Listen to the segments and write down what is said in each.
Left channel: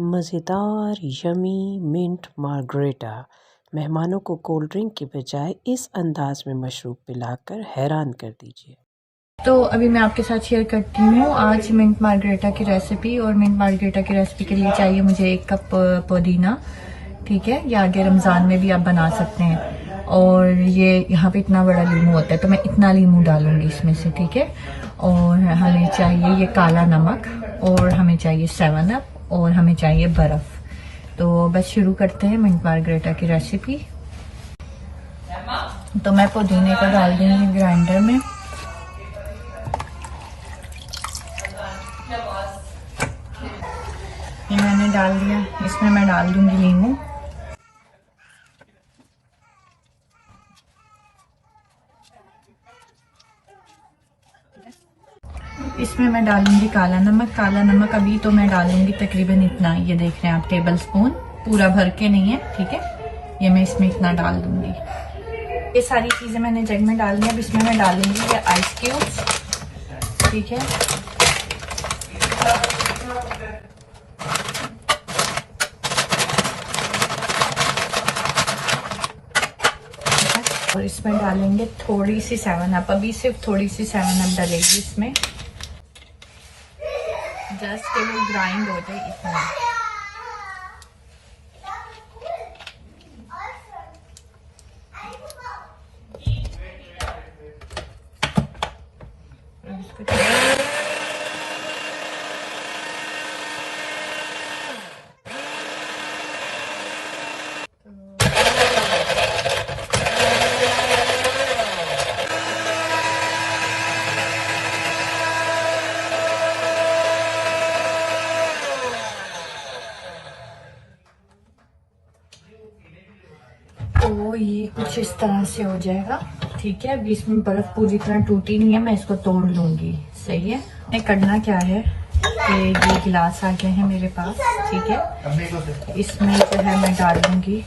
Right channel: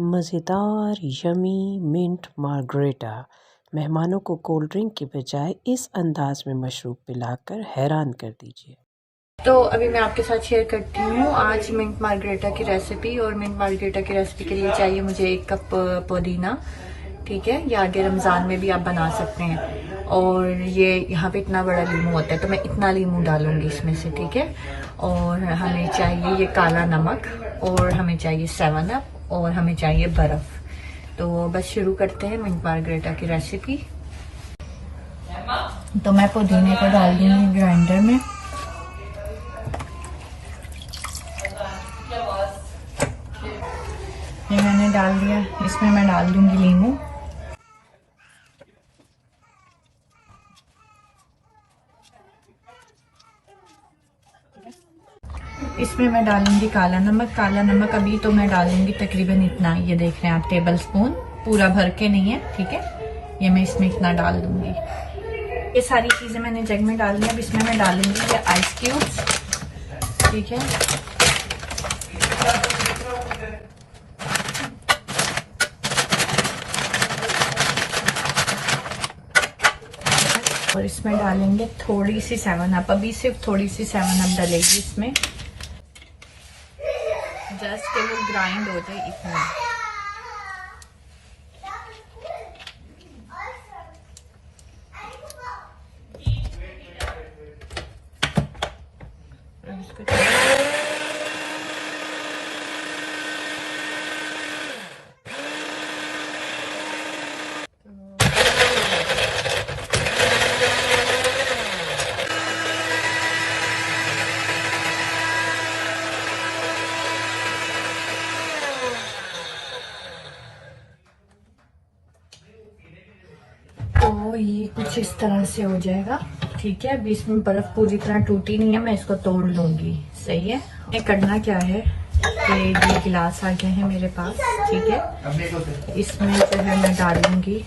मज़ेदार yummy mint margarita मेहमानों को कोल्ड ड्रिंक के बजाय इस अंदाज में मशरूब पिलाकर हैरान कर दीजिए। तो अभी मैं आपके साथ शेयर करती हूँ आज मिंट मार्गरेटा की रेसिपी। और मिंट मार्गरेटा की रेसिपी के लिए चाहिए मुझे 1 कप पुदीना, ठीक है, या आगे रमज़ान में भी आप बना सकते हैं। और ये यहाँ पे इतना बड़ा लीमू होता है तो मैं इतना लीमू डालूंगी इसमें से, ठीक है। और हमें चाहिए ये काला नमक, और हमें चाहिए 7 अप, और हमें चाहिए बर्फ़। तो बस शुरू करते हैं मिंट मार्गरेटा की रेसिपी। तो मैं पुदीने को डाल दूँगी ग्राइंडर में। ये मैंने डाल दिया, इसमें मैं डाल दूंगी लीमू। इसमें मैं डालूंगी काला नमक। काला नमक अभी तो मैं डालूंगी तकरीबन इतना, ये देख रहे हैं आप, टेबल स्पून, पूरा भर के नहीं है, ठीक है। ये मैं इसमें इतना डाल दूंगी। ये सारी चीजें मैंने जग में डाल दी। अब इसमें मैं डालूंगी ये आइस क्यूब्स, ठीक है। और इसमें डालेंगे थोड़ी सी 7 अप। अभी सिर्फ थोड़ी सी 7 अप डलेगी इसमें, जस्ट कि वो ग्राइंड हो जाए इतना। तो ये कुछ इस तरह से हो जाएगा, ठीक है। अभी इसमें बर्फ पूरी तरह टूटी नहीं है, मैं इसको तोड़ लूंगी, सही है। ये करना क्या है कि ये गिलास आ गए हैं मेरे पास, ठीक है। इसमें जो है मैं डाल दूंगी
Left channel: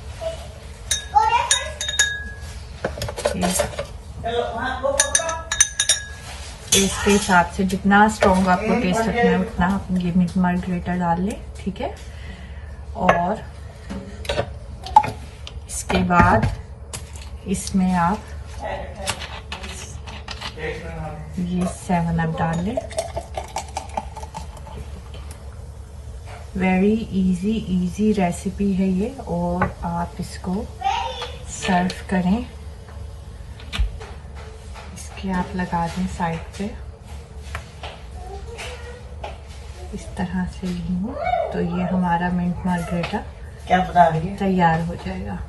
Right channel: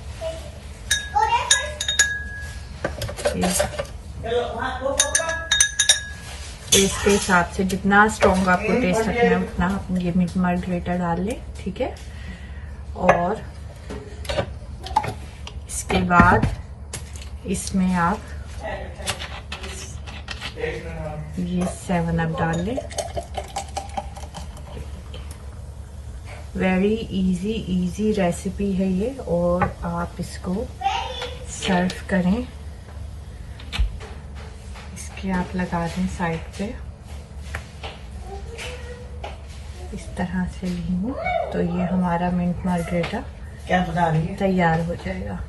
टेस्ट के हिसाब से, जितना स्ट्रॉन्ग आपको टेस्ट रखना है उतना आप ये मिंट मार्गरेटा डाल ले, ठीक है। और इसके बाद इसमें आप ये 7 अप डाल ले। वेरी इजी रेसिपी है ये, और आप इसको सर्व करें। इसके आप लगा दें साइड पे इस तरह से लीमू, तो ये हमारा मिंट मार्गरेटा तैयार हो जाएगा।